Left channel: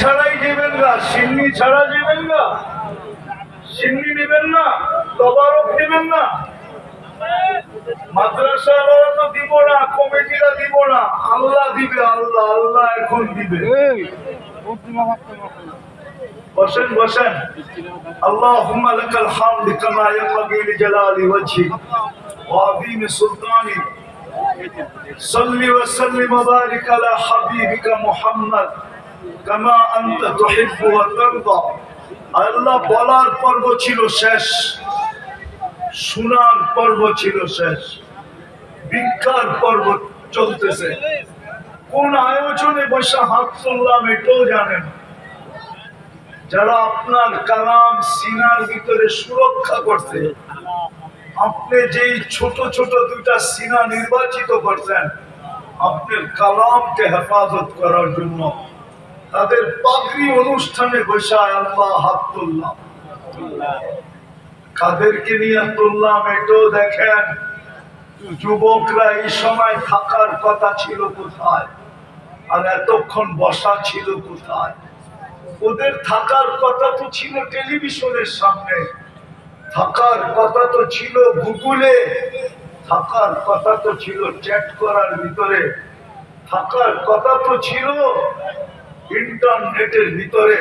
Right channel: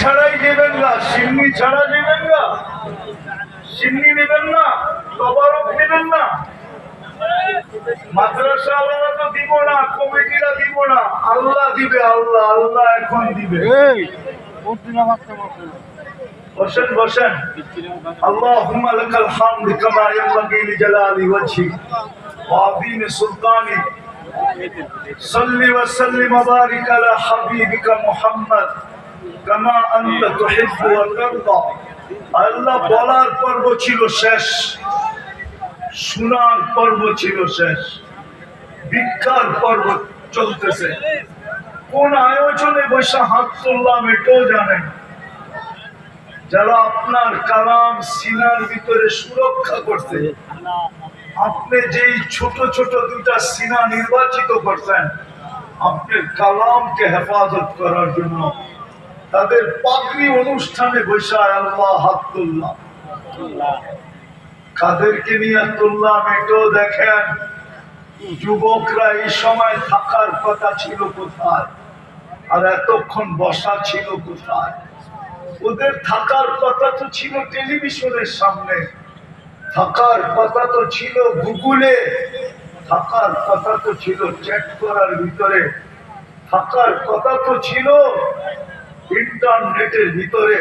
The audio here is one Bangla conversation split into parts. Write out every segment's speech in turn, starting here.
ছাড়াই যাবেন না, সিন্নি ছাড়া যাবেন না, সিন্নি নেবেন না, তবারক নেবেন না। মাদ্রাসা ওরা তো দিব না, কমিটিরা দিব না, আল্লাহ দিবে। আল্লাহ আল্লাহ এখন দিবে। বসেন বসেন। আল্লাহুম্মা লাকাল হামদু কামা ইয়ানবাগি লিজালালি ওয়াজহিক ওয়া আযীমি সুলতানিক। সাল্লি ওয়া সাল্লিম ওয়া বারিক আলা হাবিবিকা মুহাম্মদ কামা আনতা তুহিব্বু ওয়া তারদা। আল্লাহ বলার পর্ব ছিল শেষ, শোনার পর্ব ছিল শেষ, ভিক্ষার পর্ব চলতেছে। কোন আয়োজনে বসে হাত তুললাম এটাও জানেন। যারা আপনার কালাম সিনার ভিতরে সুরক্ষা করছে, আপনি যেই ছোট ছোট দুইটা সিনা নির্বাচিত করছেন আপনার কালামকে হেফাজত করার জন্য, তাদের পাগড়ি অনুষ্ঠানে বসে আল্লাহ হাত তুললাম। কাদেরকে নিয়ে তুললাম এটাও দেখেন। যুবকরা এই সময় থাকার কথা ছিল কোথায়, আর এতক্ষণ বসা ছিল কোথায়? ওদের থাকার কথা তো ছিল টেলিভিশনের সামনে, থাকার কথা তো ছিল গুগলে, থাকার কথা তো ছিল চ্যাট করার ভিতরে, থাকার কথা তো ছিল ইন্টারনেটের ভিতরে।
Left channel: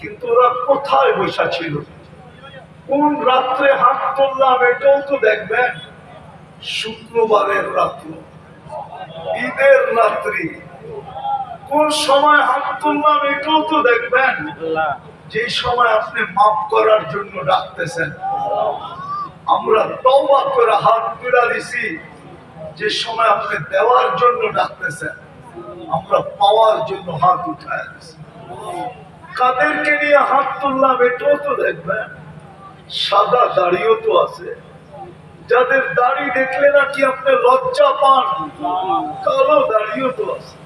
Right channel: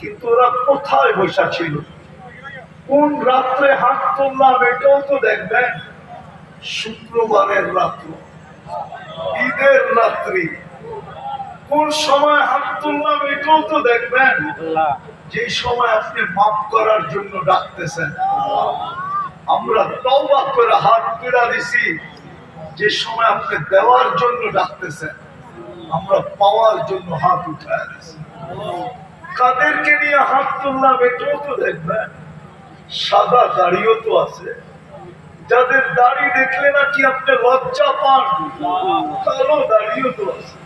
কিন্তু ওরা কোথায় বসা ছিল? কোন রাত্রে হাত তুললাম এটাও তো দেখবেন। শুক্রবারের রাত্র, ঈদের রাত্রি, কোন সময় হাত তুললাম এটাও তো দেখবেন। যে সময় আপনি মাফ করার জন্য ডাকতেছেন, আমরা তওবা করে হাত তুলে দিছি। যে সময় আপনি দেওয়ার জন্য ডাকতেছেন, আমরা পাওয়ার জন্য হাত উঠায় দিছি। কাদেরকে নিয়ে হাত তুললাম এটাও তো দেখবেন। সাদা দাড়িও তো আছে, যাদের দাড়ি দেখলে নাকি আপনি লজ্জা পান, কালো দাড়িও তো আছে।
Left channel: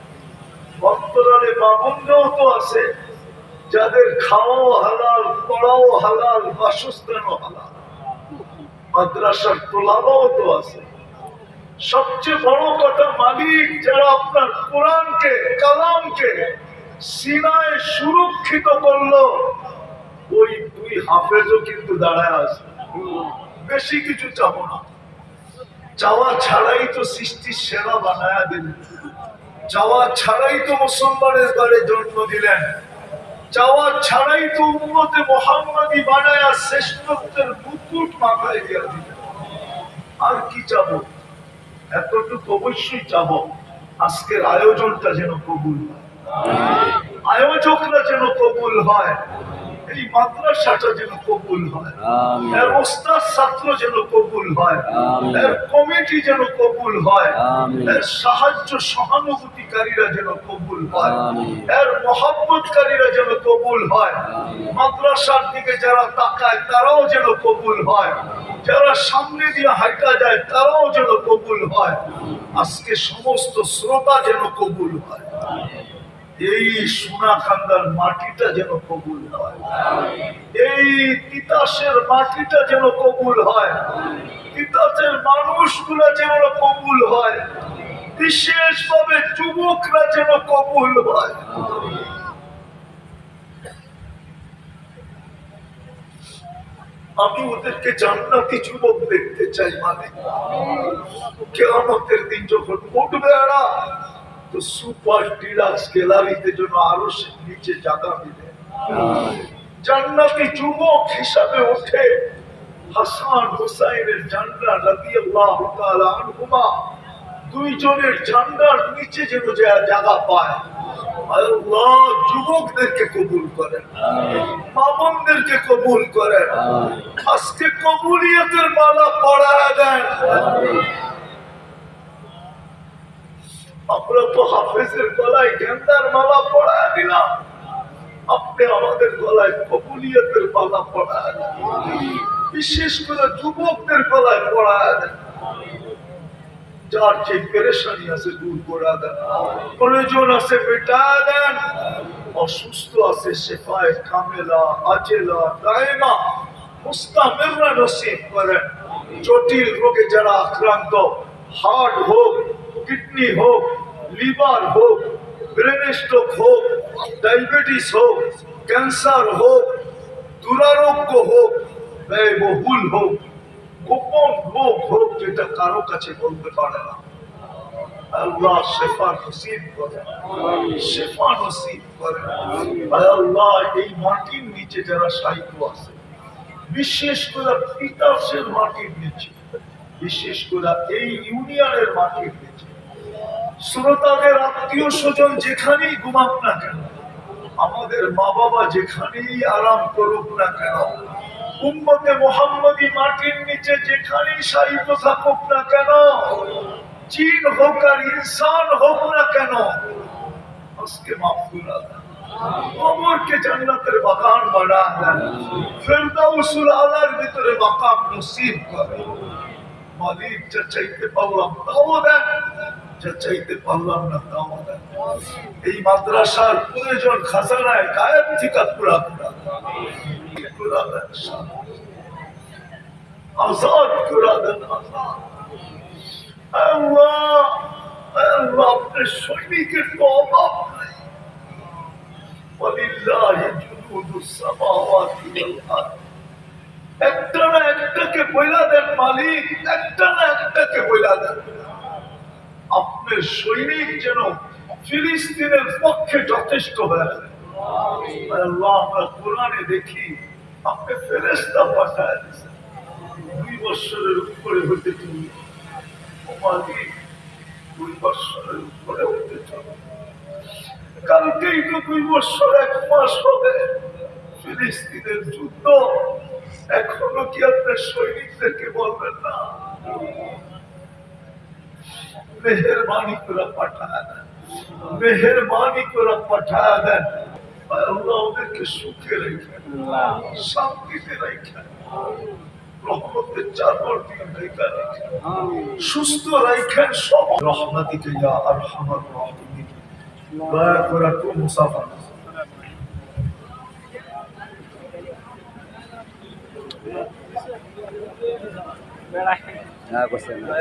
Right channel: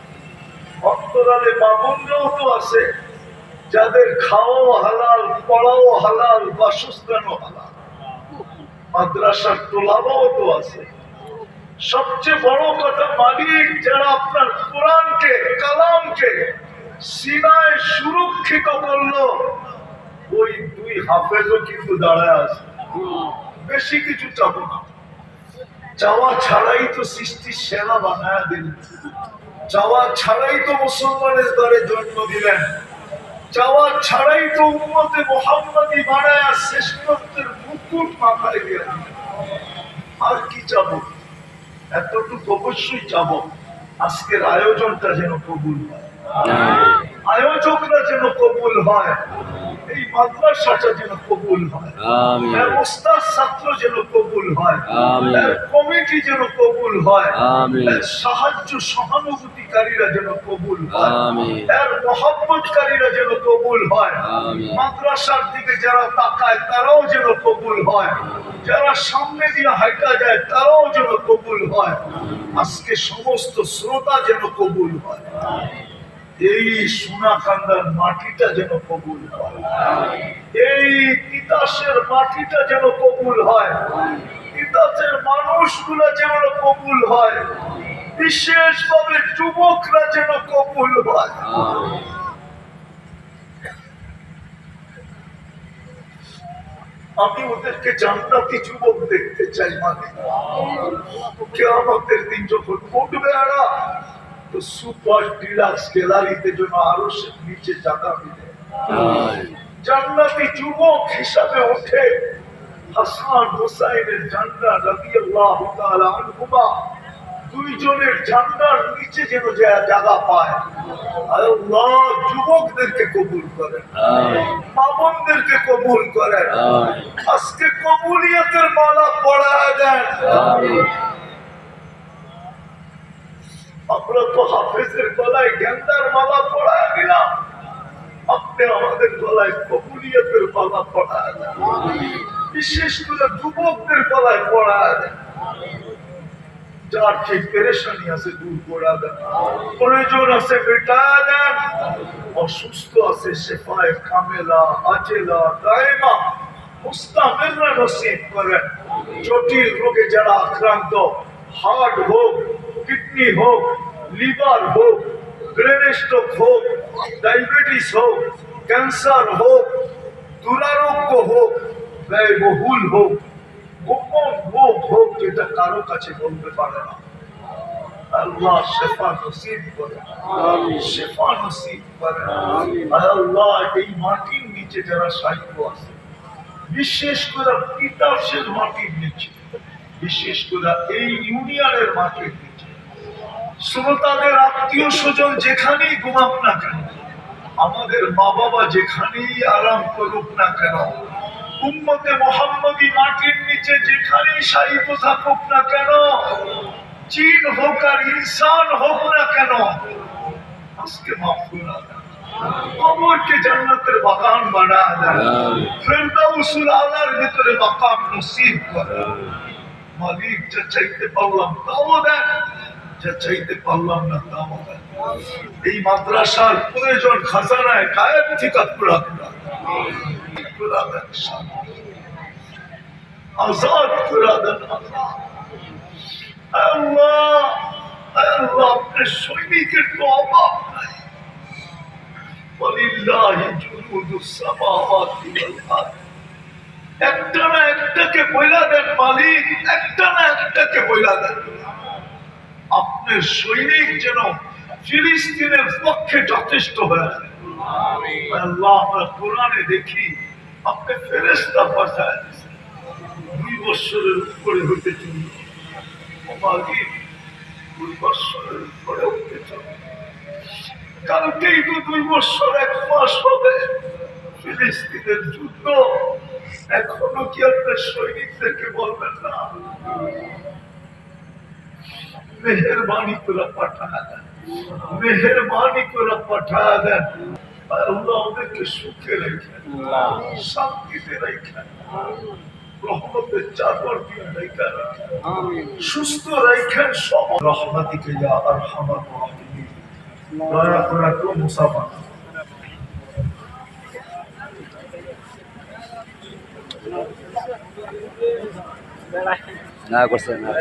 অন্তরালে বামুনরাও তো আছে, যাদের খাওয়াও হালাল, পড়াও হালাল, বাসস্থানও হালাল। মাদ্রাসার তোলাবাও তো আছে। সবচেয়ে বড় কথা, মালিক যারা আপনার কোরআনকে, কালামকে সিনায় সুরক্ষিত করলো, ওই দুই হাফেজও কিন্তু দাঁড়ায় আছে। বেশি কিছু চাবো না, চাওয়া ছাড়াই তো সৃষ্টির সেরা বানায়া দিলেন, চাওয়া ছাড়াই তো মুসলমানের ঘরে জন্ম দিলেন, চাওয়া ছাড়াই তো উম্মতে মুহাম্মাদি বানায়া শ্রেষ্ঠত্বের মুকুট মাথায় দিয়ে দিলেন। আর কি চাবো? এতটুকু অবশ্যই চাবো, আজকের আয়োজনটা যেন কবুল হয়, আয়োজকরা যেন কবুল হয়, এই মাদ্রাসাটা যেন কবুল হয়, এর ওস্তাদ ছাত্র যেন কবুল হয়, এর কমিটি যেন কবুল হয়, এর সাহায্য সহানুভূতিকারীরা যেন কবুল হয়, এর মহব্বতকারীরা যেন কবুল হয়, মাদ্রাসার দিকে যারা তাকায় তারাও যেন কবুল হয়, যারা সামনে দিয়ে হাঁটা যায় তারাও যেন কবুল হয়, আজকে সমস্ত শ্রোতা যেন কবুল হয়। এই সোনাকান্দার মাটিটা যেন কবুল হয়, এই তিতাসের মাটিটা যেন কবুল হয়, তিতাসের মানুষগুলো যেন কবুল হয়, বিশেষভাবে যুবকরা যেন কবুল হয়। আমি ওদেরকে জান্নাতি যুবক দেখতে চাই। মানে কিয়ামতের দিন যখন উঠবে এরা, তো সুপার ডিলাক্স গ্যালারিতে যেন আরো নিচে জায়গা মিলে, জান্নাতি যুবক হিসাবে ওঠে। হাসান হুসাইনের ঝান্ডা রাদিয়াল্লাহু তাআলা আনহুমা, দুইজনের ঝান্ডার নিচে যেন জায়গা পায়। আল্লাহ যুবকদেরকে কবুল করেন, মা বোনদেরকে কবুল করেন, আজকে কবুলিয়তের মালা পড়ায় দেন। আমরা তো হাফেজের গলায় গেন্দার মালা পড়ায় দিলাম, আপনি আমাদের গলায় কবুলিয়তের মালা পড়ায় দেন, বিশেষ করে যুবকদের গলায় পড়ায় দেন। যার যে পেরেশানি আছে দূর করে দেন, প্রয়োজন আছে মেটায় দেন, অসুস্থ আছে শেফায়ে কামেলা আজেলা দায়মা মুস্তামিররা নসিব করেন। জটিল রোগে যারা আক্রান্ত, হার্ট হোক, কিডনি হোক, লিভার হোক, ব্রেন স্ট্রোক হোক, ডায়াবেটিস হোক, ক্যান্সার হোক, দুরারোগ্য হোক, ব্যয়বহুল হোক, গোপন রোগ হোক, যেটা কারো কাছে বলতে পারে না, আল্লাহ শেফা নসিব করে, শেফা নসিব করে। আল্লাহ এই মাটির নিচে যারা সাহিত্য আছে, বিশেষ করে তিতাসের মাটির নিচে, বিশেষ করে এই ইউনিয়নের মাটির নিচে, শ্রোতাদের আত্মীয় স্বজন যেখানেই ঘুমাক না কেন, আমাদের মা বাবা যেখানেই আরাম করুক না কেন, উম্মতে মুহাম্মদী মাটির নিচে যেখানেই সাহিত্য থাকুক না কেন, জিন হোক আর ইনসান হোক না কেন, আজকে মাফ করে দেন, কবরকে জান্নাতের বাগান বানা দেন, ফেরদাউসুল আলার ভিতরে মাকাম নসিব করে। মালিক, যা চাইতে পারলাম তাও দেন, যা চাইতে পারলাম না তাও দেন। এই মাদ্রাসার প্রয়োজন খাজানায় গায়েব থেকে পুরা দেন, আজাদ করে দেন। আল্লাহ, আল্লাহ, আপনার সৈনিকের তো অভাব নাই। ওয়ালিল্লাহি জুনুদুস সামাওয়াতি ওয়াল আরদ। একটা না একটাকে বইলা দেন মালিক, একটা না একটাকে বইলা দেন। আপনার সৈনিক যেন ফিলিস্তিনের পক্ষে যথেষ্ট হয়ে যায়। আল্লাহ, আমরা কোরআনে দেখি আপনি ফেরেশতা পাঠায় দিয়েছেন, 2 বছরের উপরে হতে চলবে। ও মালিক, 2 বছরের উপরে হতে চলবে। কালকেই তো 2 বছর 1 মাস হবে ফিলিস্তিনের যুদ্ধ। এখনো কি আপনার সৈনিকদেরকে বলবেন না? মেহেরবানি করে পাঠা দেন, মেহেরবানি করে পাঠা দেন। আল্লাহ ওদেরকে সুখে রেখেন, শান্তিতে রেখেন, রহমতের চাদর দিয়ে ঢেকে রাখেন, সুস্থ রাখেন সব। রহমতিকে ইয়া আরহামার রাহিমিন। দয়া করে একটু মুসাফা না করছেন না